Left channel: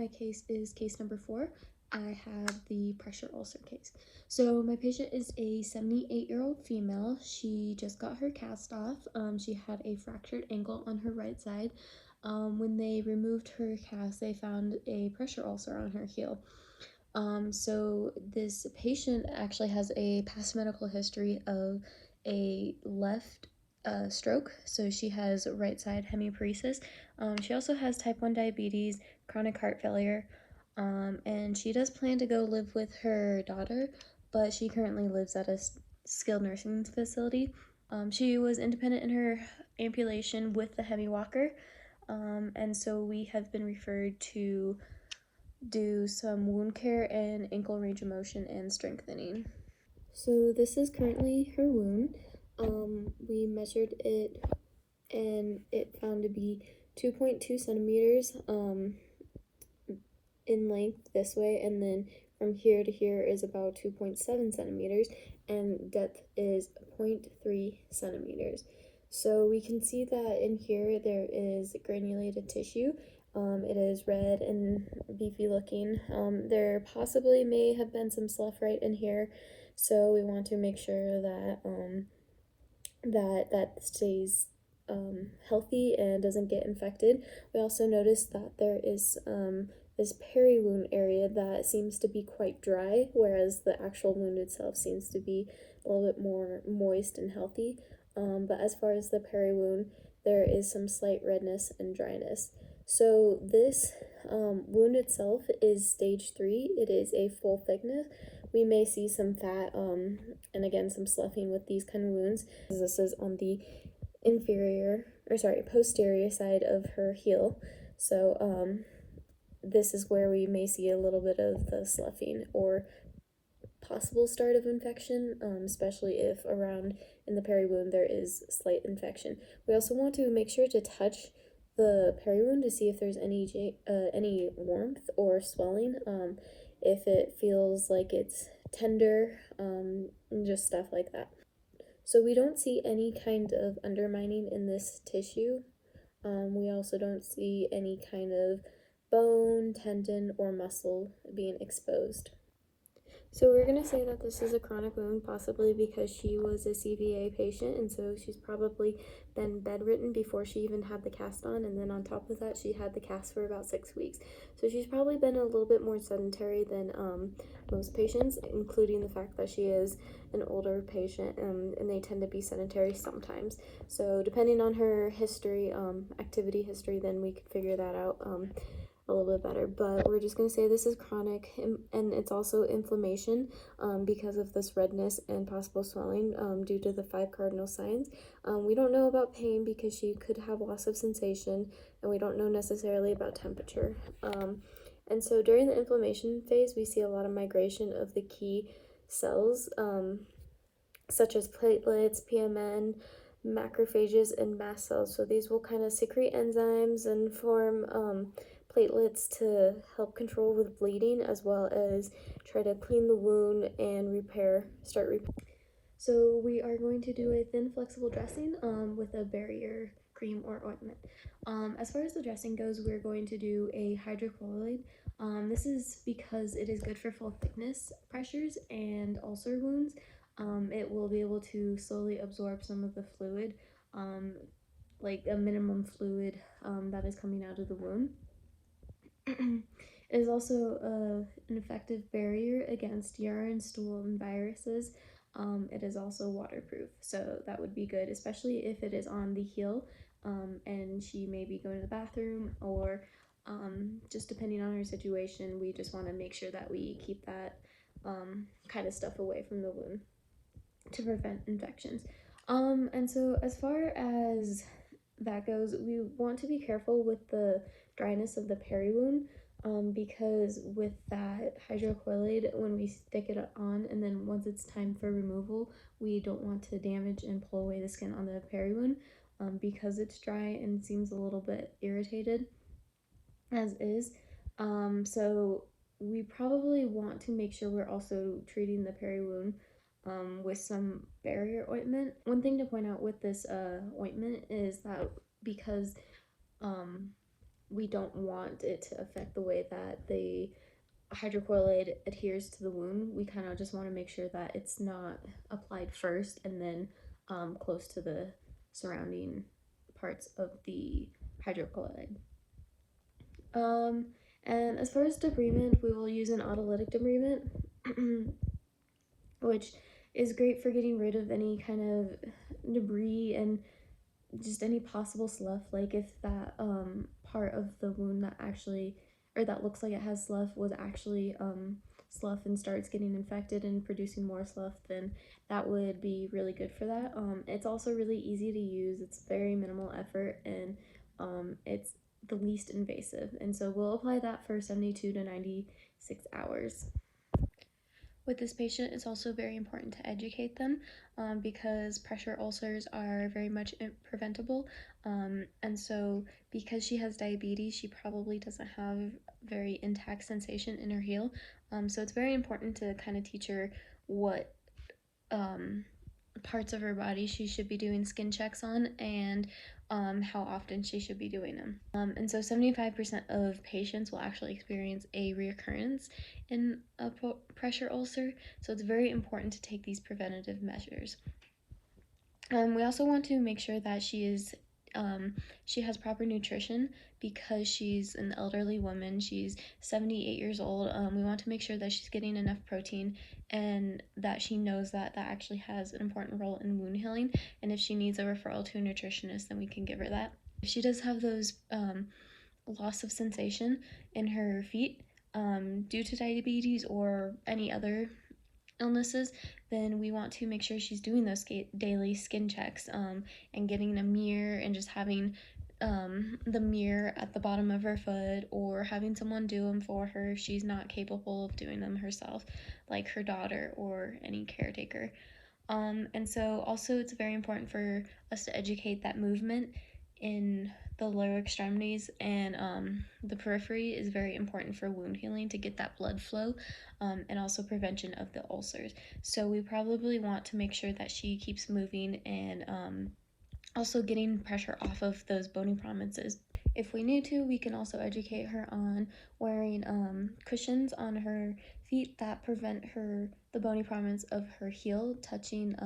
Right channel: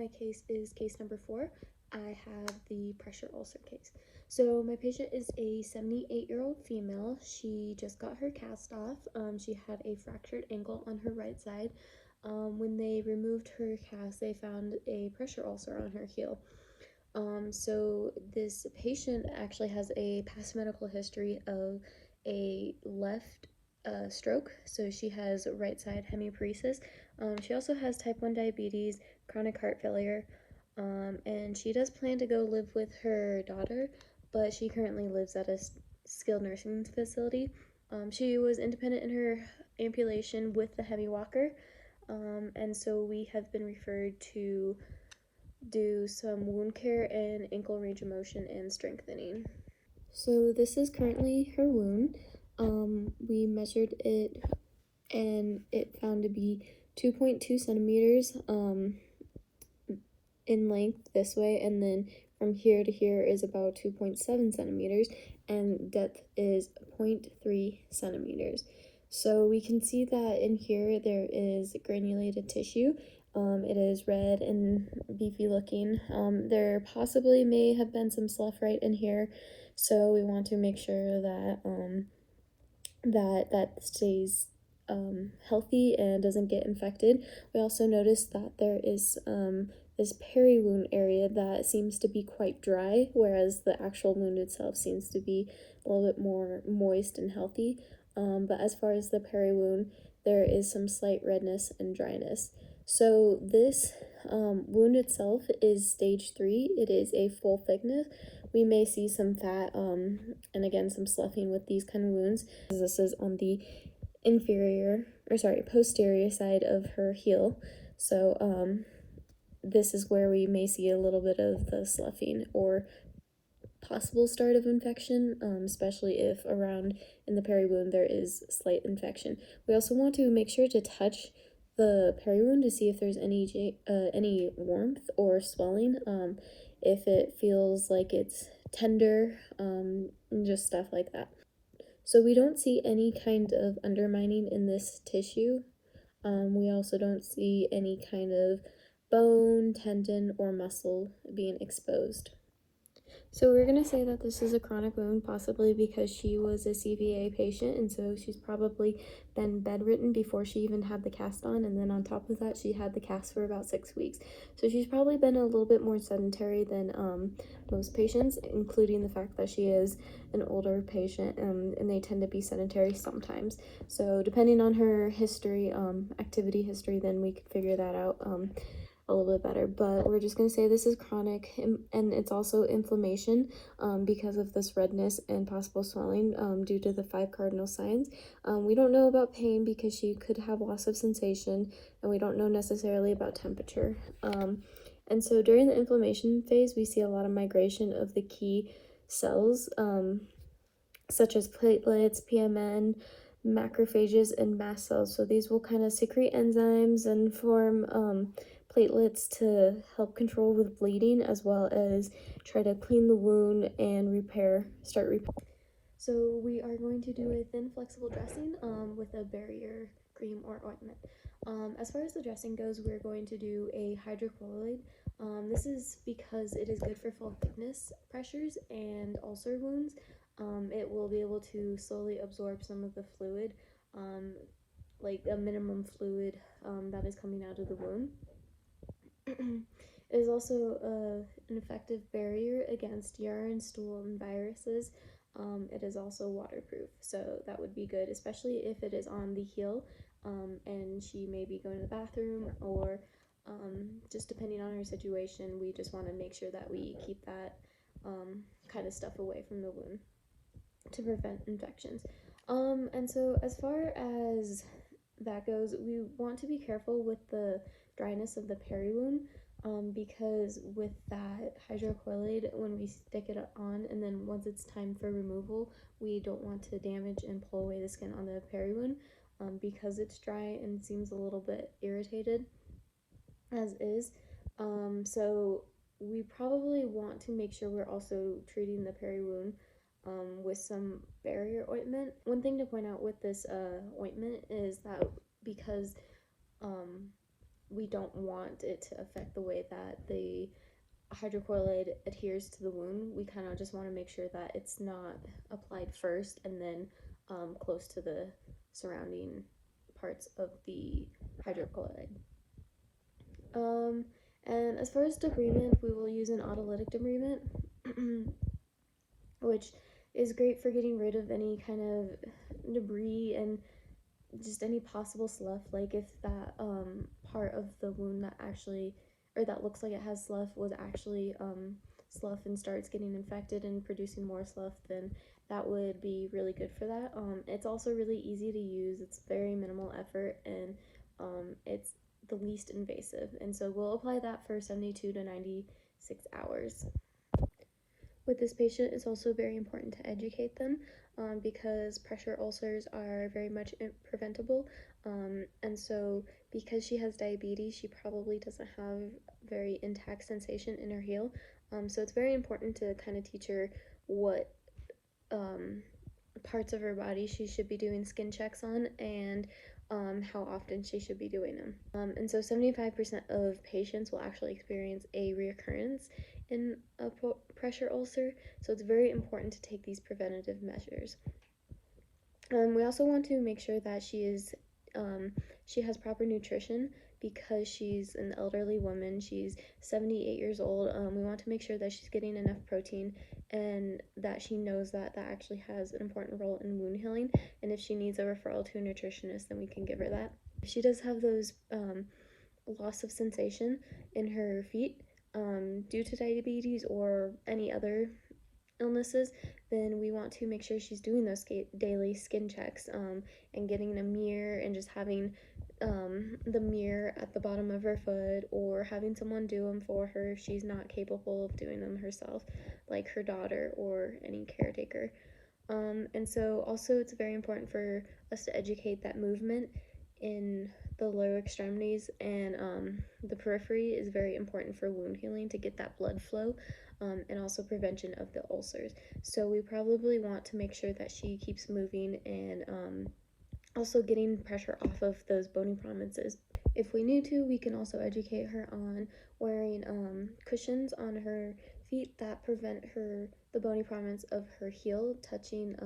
my case is case number 4. I have the pressure ulcer case. So my patient is a 78-year-old female. She just got her cast off. She had a fractured ankle on her right side. When they removed her cast, they found a pressure ulcer on her heel. So this patient actually has a past medical history of a left stroke, so she has right side hemiparesis. She also has type 1 diabetes, chronic heart failure, and she does plan to go live with her daughter, but she currently lives at a skilled nursing facility. She was independent in her ambulation with the hemi walker, and so we have been referred to do some wound care and ankle range of motion and strengthening. So this is currently her wound. We measured it and it found to be 2.2 centimeters in length this way, and then from here to here is about 2.7 centimeters, and depth is 0.3 centimeters. So we can see that in here there is granulated tissue. It is red and beefy looking. There possibly may have been some slough right in here, so we want to make sure that that stays healthy and doesn't get infected. We also noticed that there is this peri-wound area that seems to be quite dry, whereas the actual wound itself seems to be a little bit more moist and healthy. But as far as the peri-wound, there is some slight redness and dryness. So this wound itself is stage 3. It is a full thickness. We may see some fat and again some sloughing with these kind of wounds. This is on the posterior side of her heel. So this is where we may see a little bit of the sloughing or possible start of infection, especially if around in the peri-wound there is slight infection. We also want to make sure to touch the peri-wound to see if there's any warmth or swelling, if it feels like it's tender, and just stuff like that. So we don't see any kind of undermining in this tissue. We also don't see any kind of bone, tendon, or muscle being exposed. So we're going to say that this is a chronic wound, possibly because she was a CVA patient, and so she's probably been bedridden before she even had the cast on, and then on top of that, she had the cast for about 6 weeks. So she's probably been a little bit more sedentary than most patients, including the fact that she is an older patient, and they tend to be sedentary sometimes. So depending on her history, activity history, then we could figure that out a little bit better. But we're just going to say this is chronic, and it's also inflammation because of this redness and possible swelling due to the 5 cardinal signs. We don't know about pain because she could have loss of sensation, and we don't know necessarily about temperature. And so during the inflammation phase, we see a lot of migration of the key cells, such as platelets, PMN, macrophages, and mast cells. So these will kind of secrete enzymes and form platelets to help control with bleeding, as well as try to clean the wound and start repair. So we are going to do a thin flexible dressing with a barrier cream or ointment. As far as the dressing goes, we're going to do a hydrocolloid. This is because it is good for full thickness pressures and ulcer wounds. It will be able to slowly absorb some of the fluid, like a minimum fluid that is coming out of the wound. It is also an effective barrier against urine, stool, and viruses. It is also waterproof, so that would be good, especially if it is on the heel and she may be going to the bathroom, or just depending on her situation, we just want to make sure that we keep that kind of stuff away from the wound to prevent infections. And so as far as that goes, we want to be careful with the dryness of the peri-wound, because with that hydrocolloid, when we stick it on and then once it's time for removal, we don't want to damage and pull away the skin on the peri-wound because it's dry and seems a little bit irritated as is. So we probably want to make sure we're also treating the peri-wound with some barrier ointment. One thing to point out with this ointment is that because we don't want it to affect the way that the hydrocolloid adheres to the wound. We kind of just want to make sure that it's not applied first and then close to the surrounding parts of the hydrocolloid. And as far as debridement, we will use an autolytic debridement, which is great for getting rid of any kind of debris and just any possible slough. Like if that part of the wound that actually, or that looks like it has slough, was actually slough and starts getting infected and producing more slough, then that would be really good for that. It's also really easy to use. It's very minimal effort, and it's the least invasive. And so we'll apply that for 72 to 96 hours. With this patient, it's also very important to educate them because pressure ulcers are very much preventable. And so because she has diabetes, she probably doesn't have very intact sensation in her heel. So it's very important to kind of teach her what parts of her body she should be doing skin checks on, and how often she should be doing them. And so 75% of patients will actually experience a reoccurrence in a pressure ulcer, so it's very important to take these preventative measures. We also want to make sure that she has proper nutrition because she's an elderly woman. She's 78 years old. We want to make sure that she's getting enough protein and that she knows that that actually has an important role in wound healing. And if she needs a referral to a nutritionist, then we can give her that. If she does have those loss of sensation in her feet due to diabetes or any other illnesses, then we want to make sure she's doing those daily skin checks and getting a mirror and just having the mirror at the bottom of her foot, or having someone do them for her if she's not capable of doing them herself, like her daughter or any caretaker. And so also it's very important for us to educate that movement in the lower extremities and the periphery is very important for wound healing to get that blood flow and also prevention of the ulcers. So we probably want to make sure that she keeps moving and also getting pressure off of those bony prominences. If we need to, we can also educate her on wearing cushions on her feet that prevent the bony prominence of her heel touching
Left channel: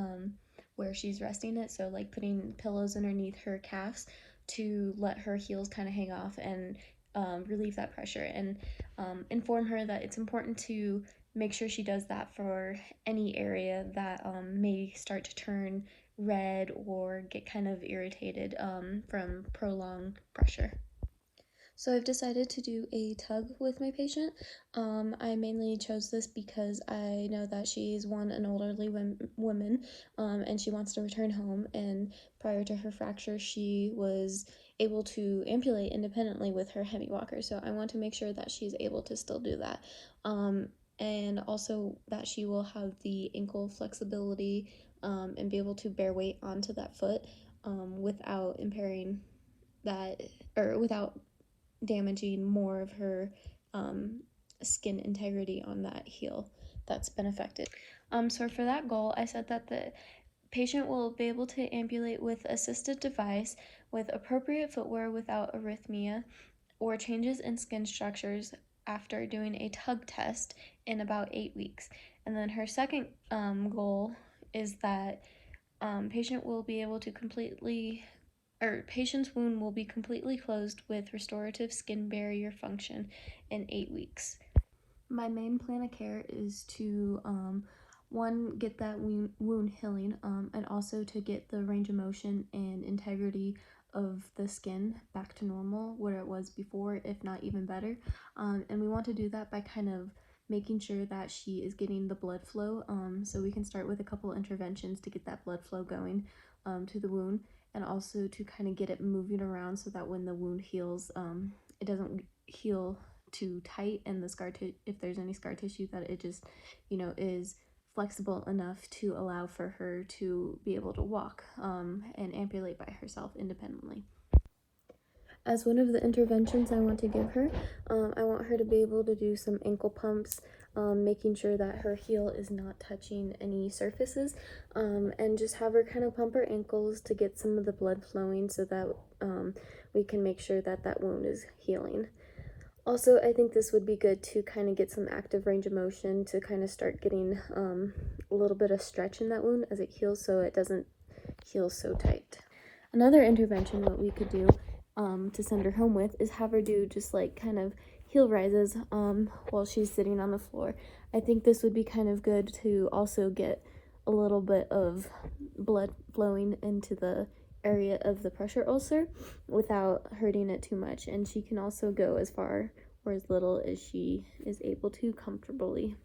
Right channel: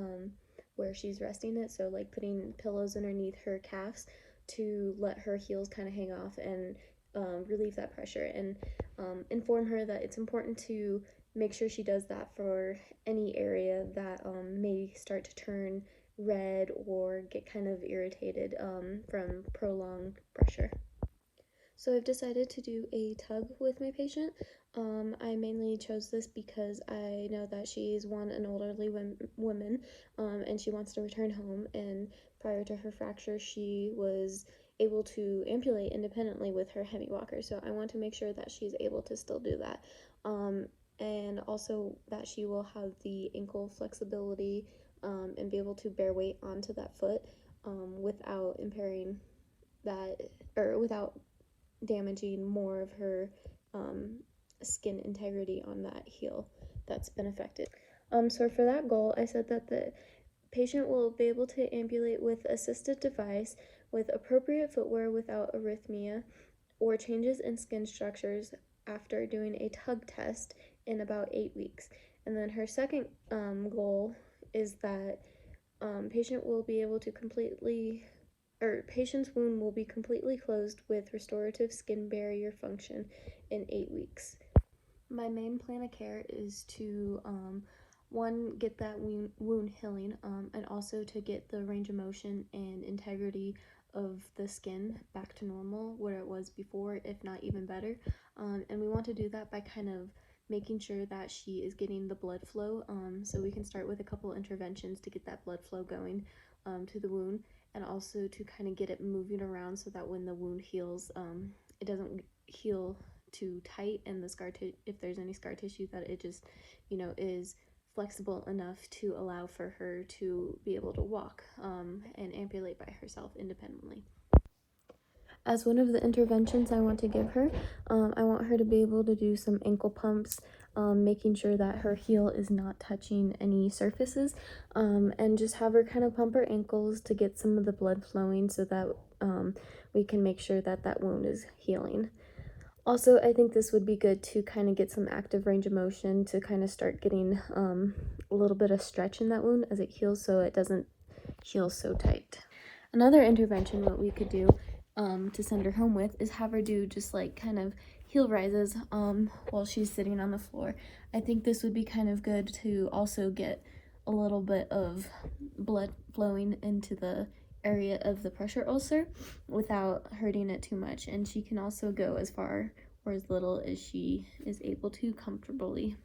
where she's resting it. So like putting pillows underneath her calves to let her heels kind of hang off and relieve that pressure, and inform her that it's important to make sure she does that for any area that may start to turn red or get kind of irritated from prolonged pressure. So I've decided to do a tug with my patient. I mainly chose this because I know that she's an elderly woman and she wants to return home, and prior to her fracture she was able to ambulate independently with her hemi walker, so I want to make sure that she's able to still do that, and also that she will have the ankle flexibility and be able to bear weight onto that foot without impairing that, or without damaging more of her skin integrity on that heel that's been affected. So for that goal, I said that the patient will be able to ambulate with assisted device with appropriate footwear without arrhythmia or changes in skin structures after doing a tug test in about 8 weeks. And then her second goal is that patient will be able to patient's wound will be completely closed with restorative skin barrier function in 8 weeks. My main plan of care is to one, get that wound healing, and also to get the range of motion and integrity of the skin back to normal where it was before, if not even better. And we want to do that by kind of making sure that she is getting the blood flow. So we can start with a couple interventions to get that blood flow going to the wound, and also to kind of get it moving around so that when the wound heals, it doesn't heal too tight, and the if there's any scar tissue, that it just, is flexible enough to allow for her to be able to walk and ambulate by herself independently. As one of the interventions I want to give her, I want her to be able to do some ankle pumps, making sure that her heel is not touching any surfaces, and just have her kind of pump her ankles to get some of the blood flowing so that we can make sure that that wound is healing. Also, I think this would be good to kind of get some active range of motion to kind of start getting a little bit of stretch in that wound as it heals, so it doesn't heal so tight. Another intervention what we could do to send her home with is have her do just like kind of heel rises while she's sitting on the floor. I think this would be kind of good to also get a little bit of blood flowing into the area of the pressure ulcer without hurting it too much, and she can also go as far or as little as she is able to comfortably.